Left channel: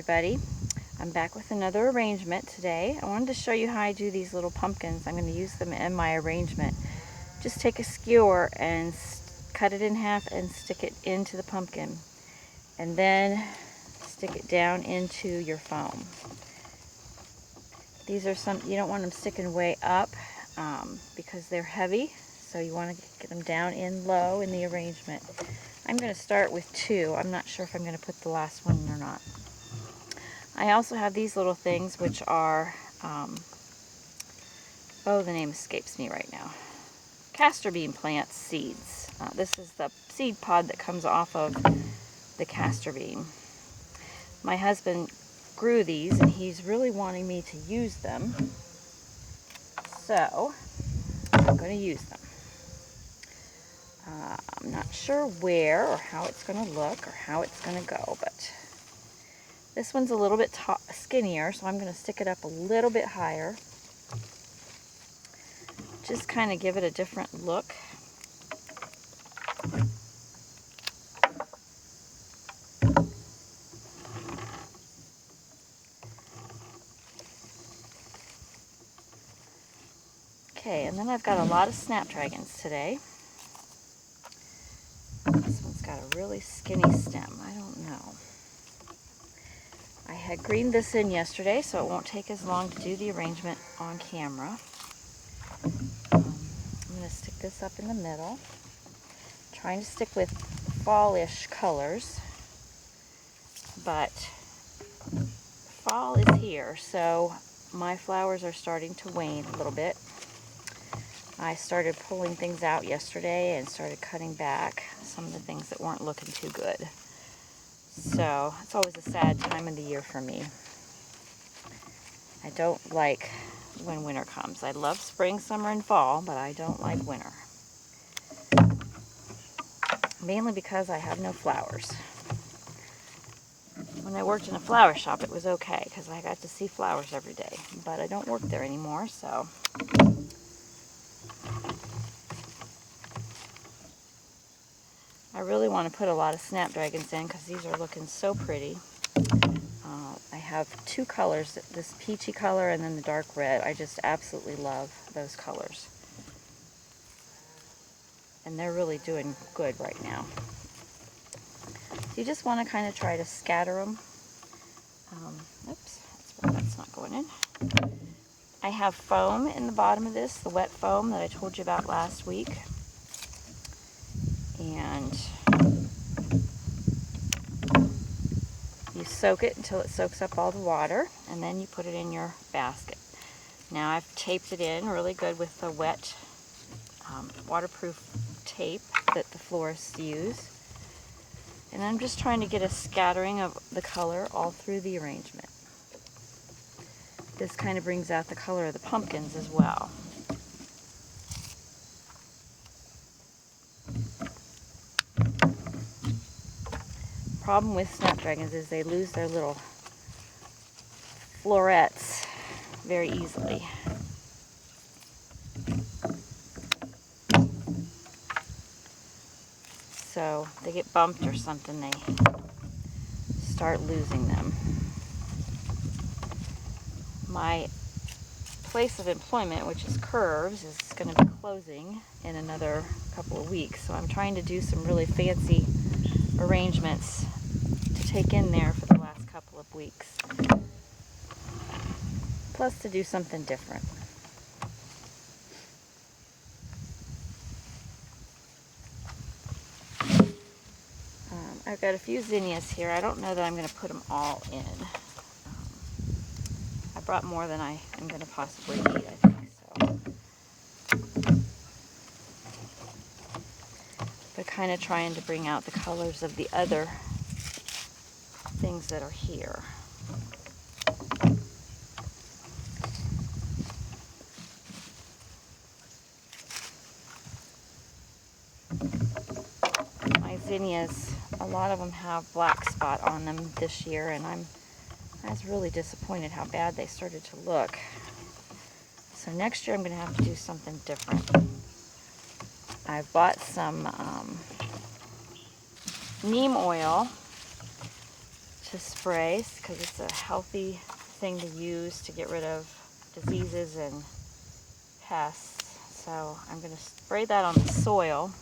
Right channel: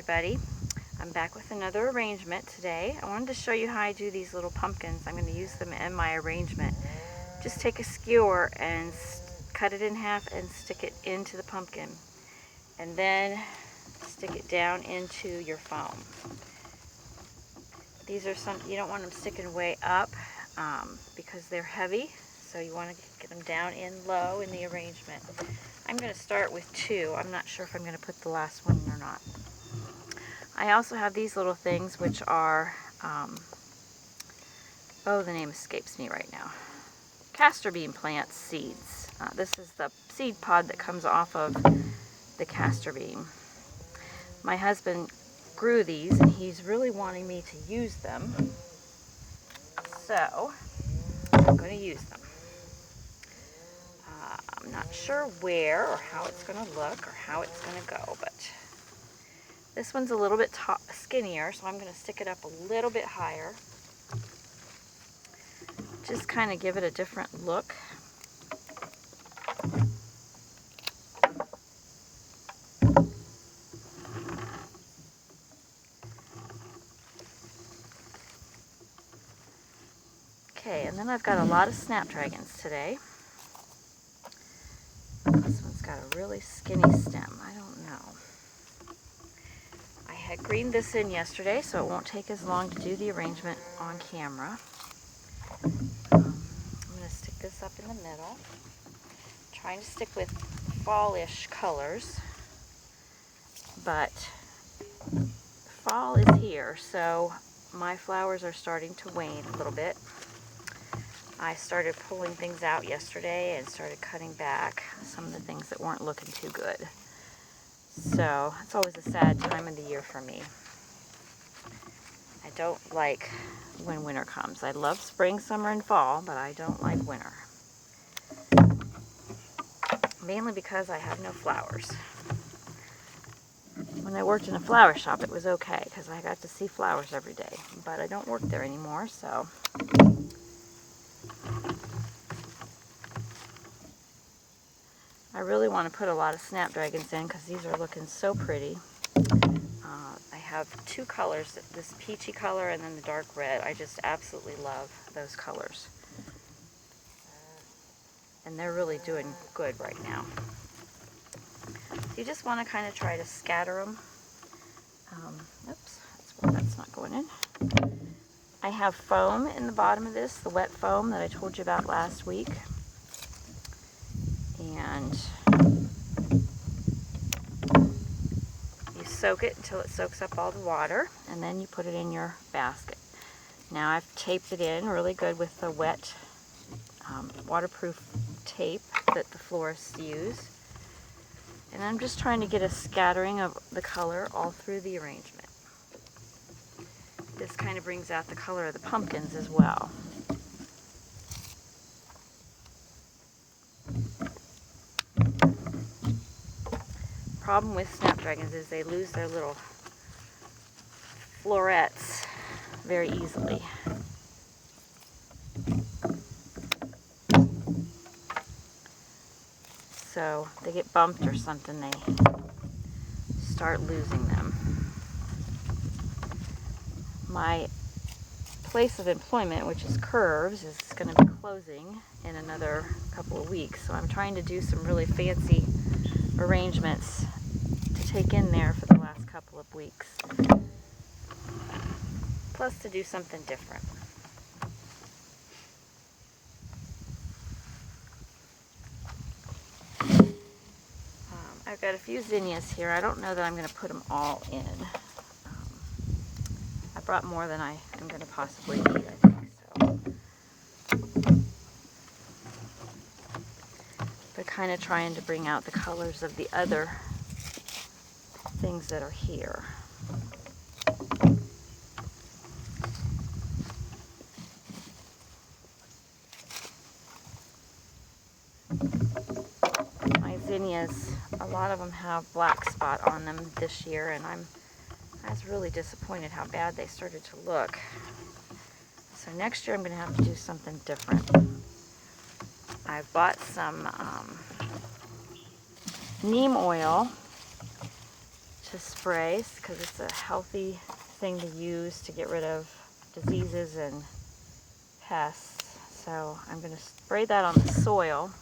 everybody. I'm back with another arrangement today. I wanted to show you how I do these little pumpkins. I'm going to use them in my arrangement. Just take a skewer and cut it in half and stick it into the pumpkin. And then stick it down into your foam. These are some, you don't want them sticking way up because they're heavy. So you want to get them down in low in the arrangement. I'm going to start with 2. I'm not sure if I'm going to put the last one or not. I also have these little things which are, the name escapes me right now. Castor Bean plant seeds. This is the seed pod that comes off of the castor bean. My husband grew these and he's really wanting me to use them. So, I'm going to use them. I'm not sure where or how it's going to look or how it's going to go, but this one's a little bit skinnier, so I'm going to stick it up a little bit higher. Just kind of give it a different look. Okay, and then I've got a lot of Snapdragons today. This one's got a really skinny stem. I don't know. I had greened this in yesterday, so it won't take as long to do the arrangement on camera. I'm going to stick this up in the middle. I'm trying to stick with fall-ish colors, but fall is here, so my flowers are starting to wane a little bit. I started pulling things out yesterday and started cutting back some of the things that weren't looking too good. So it's always a sad time of the year for me. I don't like when winter comes. I love spring, summer, and fall, but I don't like winter. Mainly because I have no flowers. When I worked in a flower shop, it was okay because I got to see flowers every day. But I don't work there anymore, so I really want to put a lot of Snapdragons in because these are looking so pretty. I have 2 colors, this peachy color and then the dark red. I just absolutely love those colors. And they're really doing good right now. So you just want to kind of try to scatter them. Oops, that's not going in. I have foam in the bottom of this, the wet foam that I told you about last week. And you soak it until it soaks up all the water, and then you put it in your basket. Now I've taped it in really good with the wet waterproof tape that the florists use. And I'm just trying to get a scattering of the color all through the arrangement. This kind of brings out the color of the pumpkins as well. Problem with Snapdragons is they lose their little florets very easily. So they get bumped or something, they start losing them. My place of employment, which is Curves, is going to be closing in another couple of weeks. So I'm trying to do some really fancy arrangements to take in there for the last couple of weeks. Plus to do something different. I've got a few zinnias here. I don't know that I'm going to put them all in. I brought more than I am going to possibly need, I think. So. But kind of trying to bring out the colors of the other things that are here. My zinnias, a lot of them have black spot on them this year, and I was really disappointed how bad they started to look. So next year I'm going to have to do something different. I've bought some neem oil to spray because it's a healthy thing to use to get rid of diseases and pests. So I'm going to spray that on the soil.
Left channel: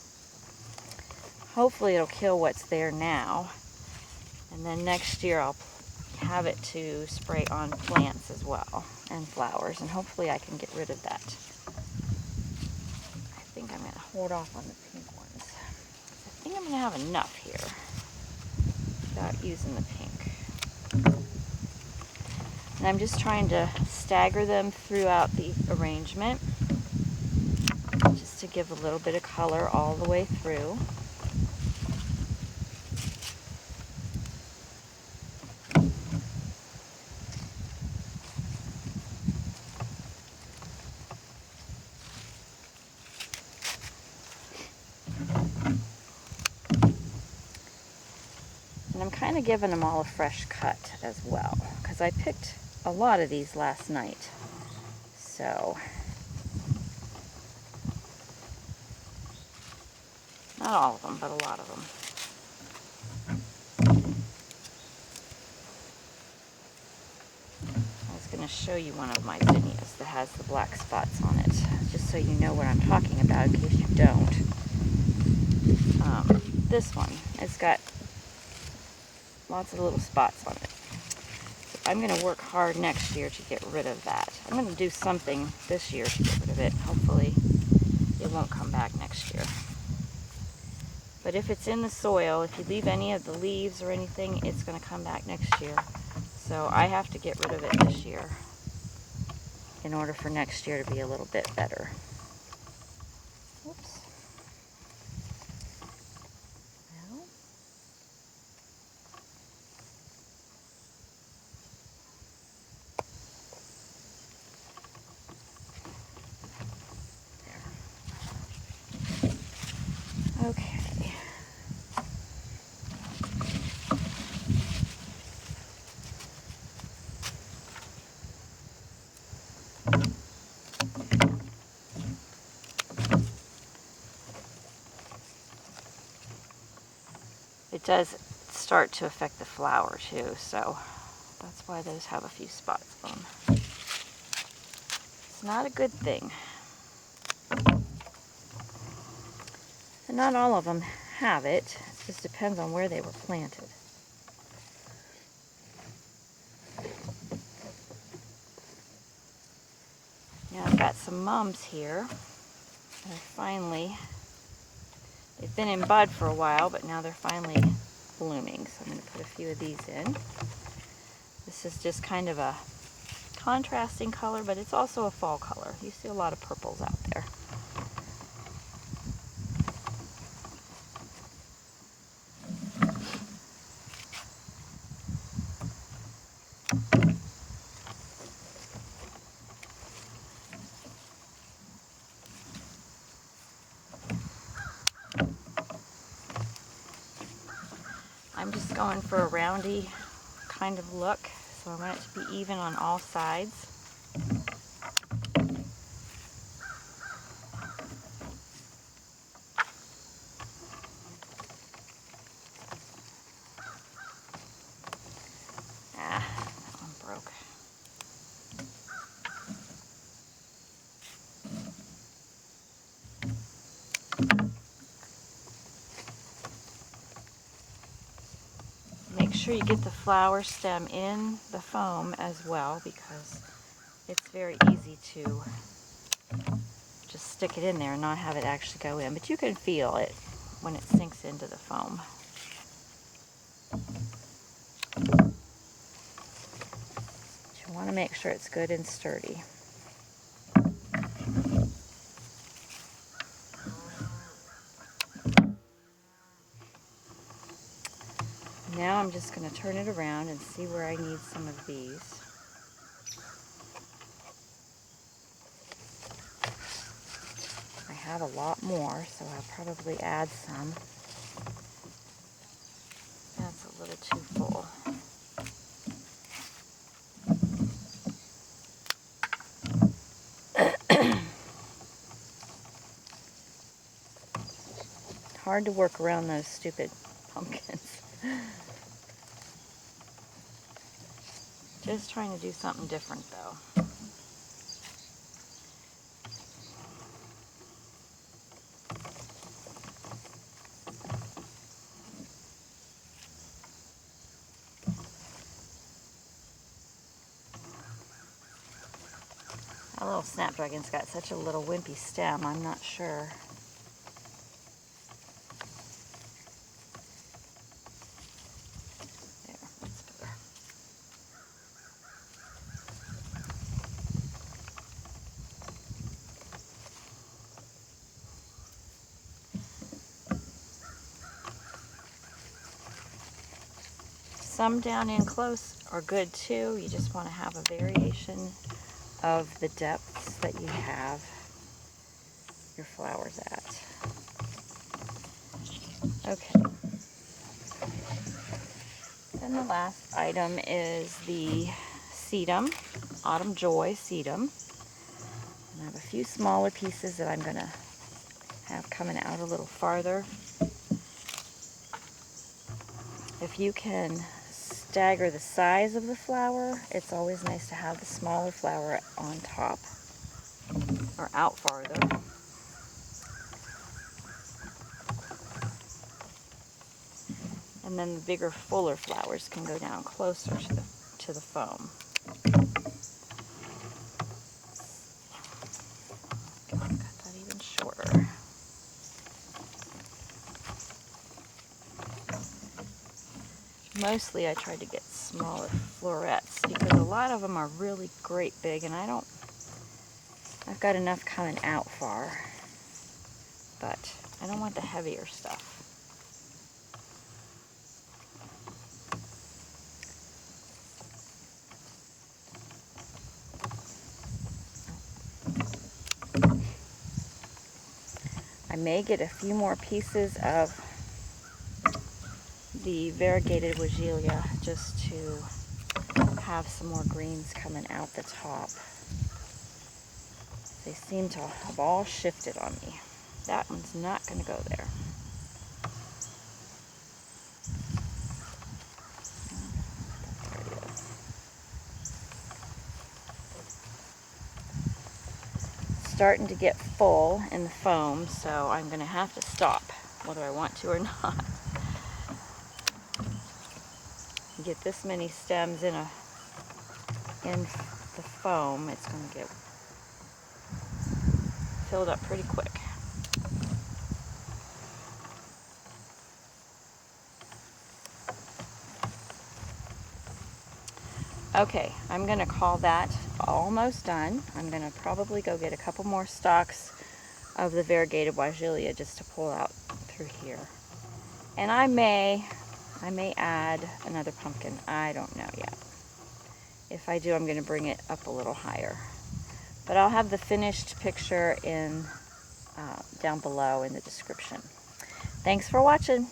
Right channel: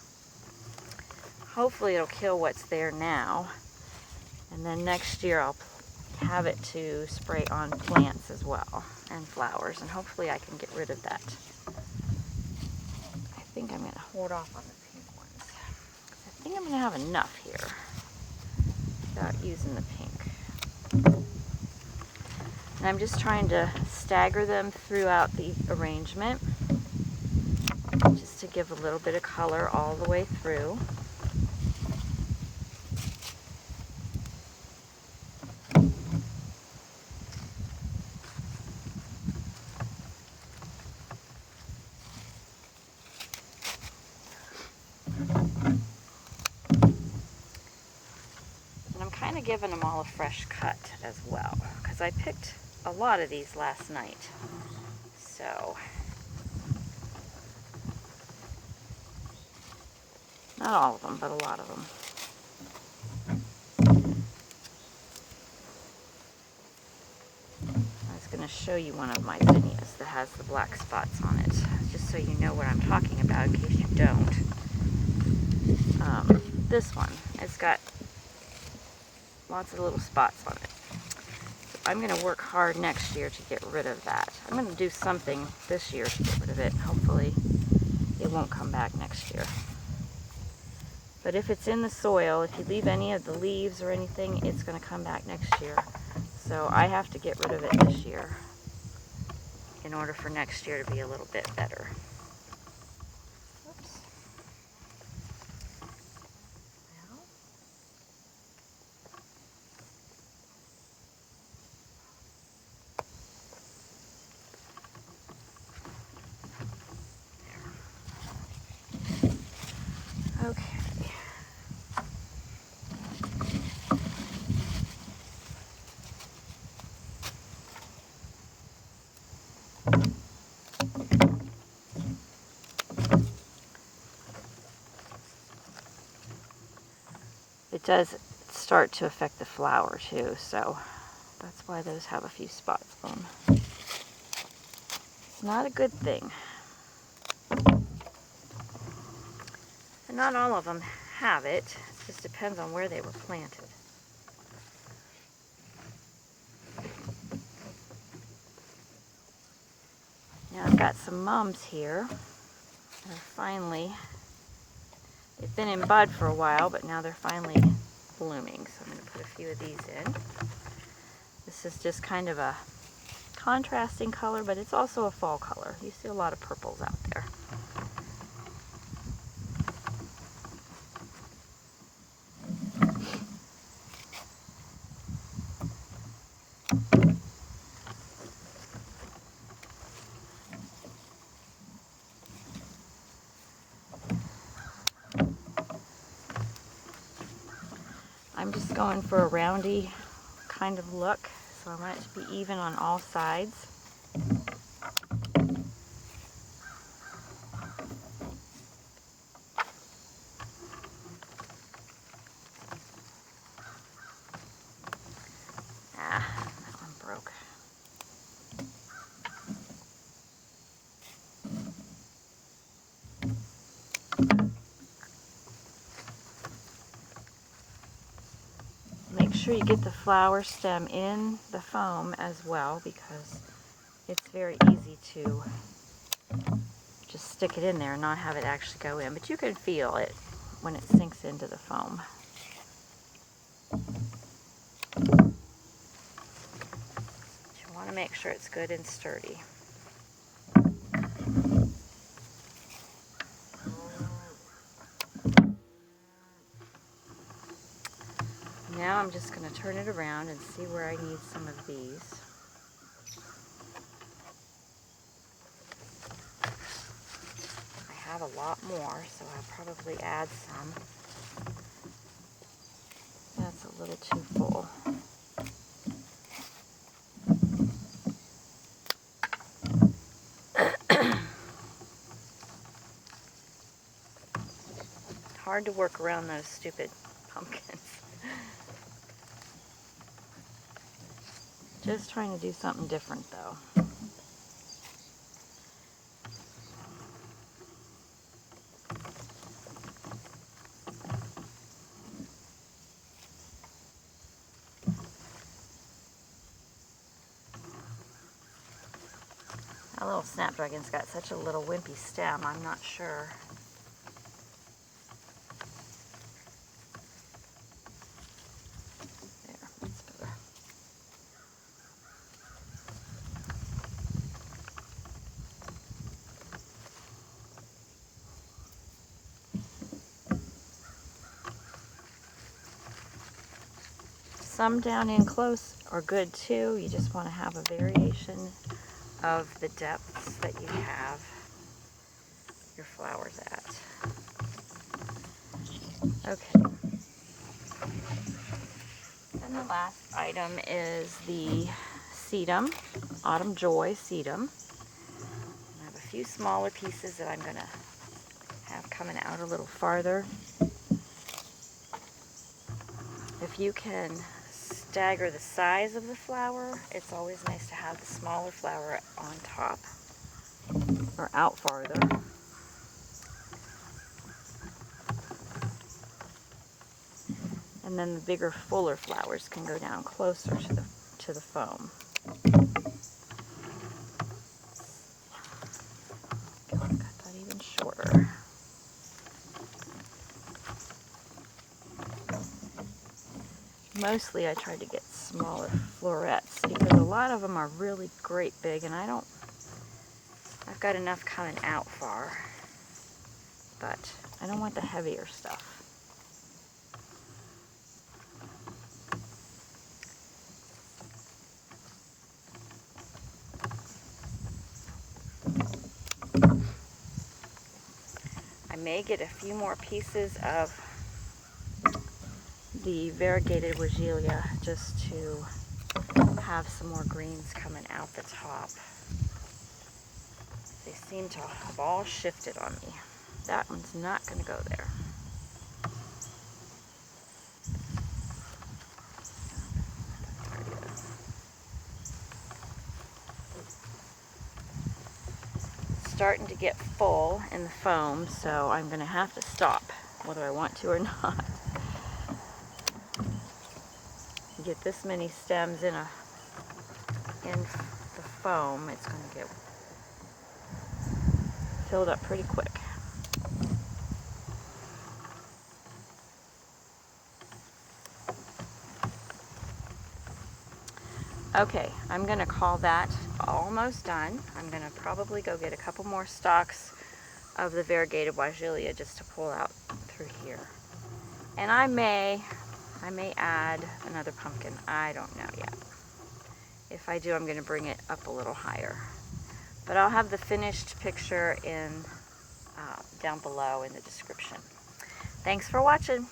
Hopefully it'll kill what's there now. And then next year I'll have it to spray on plants as well and flowers. And hopefully I can get rid of that. I think I'm going to hold off on the pink ones. I think I'm going to have enough here without using the pink. And I'm just trying to stagger them throughout the arrangement just to give a little bit of color all the way through. And I'm kind of giving them all a fresh cut as well, because I picked a lot of these last night. So, not all of them, but a lot of them. I was going to show you one of my zinnias that has the black spots on it, just so you know what I'm talking about in case you don't. This one, it's got lots of little spots on it. So I'm going to work hard next year to get rid of that. I'm going to do something this year to get rid of it. Hopefully it won't come back next year. But if it's in the soil, if you leave any of the leaves or anything, it's going to come back next year. So I have to get rid of it this year in order for next year to be a little bit better. Oops. Okay. It does start to affect the flower too, so that's why those have a few spots on them. It's not a good thing. And not all of them have it. It just depends on where they were planted. Now I've got some mums here. They've been in bud for a while, but now they're finally blooming. So I'm going to put a few of these in. This is just kind of a contrasting color, but it's also a fall color. You see a lot of purples out there. I'm just going for a roundy kind of look, so I want it to be even on all sides. Ah, that one broke. Make sure you get the flower stem in the foam as well, because it's very easy to just stick it in there and not have it actually go in. But you can feel it when it sinks into the foam. But you want to make sure it's good and sturdy. Now I'm just going to turn it around and see where I need some of these. I have a lot more, so I'll probably add some. That's a little too full. Hard to work around those stupid pumpkins. Just trying to do something different though. Our little Snapdragon's got such a little wimpy stem, I'm not sure. There, that's better. Some down in close are good too. You just want to have a variation of the depths that you have your flowers at. Okay. And the last item is the sedum, Autumn Joy Sedum. I have a few smaller pieces that I'm going to have coming out a little farther. If you can stagger the size of the flower, it's always nice to have the smaller flower on top or out farther. And then the bigger, fuller flowers can go down closer to the foam. I got that even shorter. Mostly I tried to get smaller florets because a lot of them are really great big, and I've got enough coming out far, but I don't want the heavier stuff. I may get a few more pieces of the variegated Weigela just to have some more greens coming out the top. They seem to have all shifted on me. That one's not going to go there. It's starting to get full in the foam, so I'm going to have to stop, whether I want to or not. You get this many stems in the foam, it's going to get filled up pretty quick. Okay, I'm going to call that almost done. I'm going to probably go get a couple more stalks of the variegated Weigela just to pull out through here. And I may add another pumpkin. I don't know yet. If I do, I'm going to bring it up a little higher. But I'll have the finished picture in down below in the description. Thanks for watching.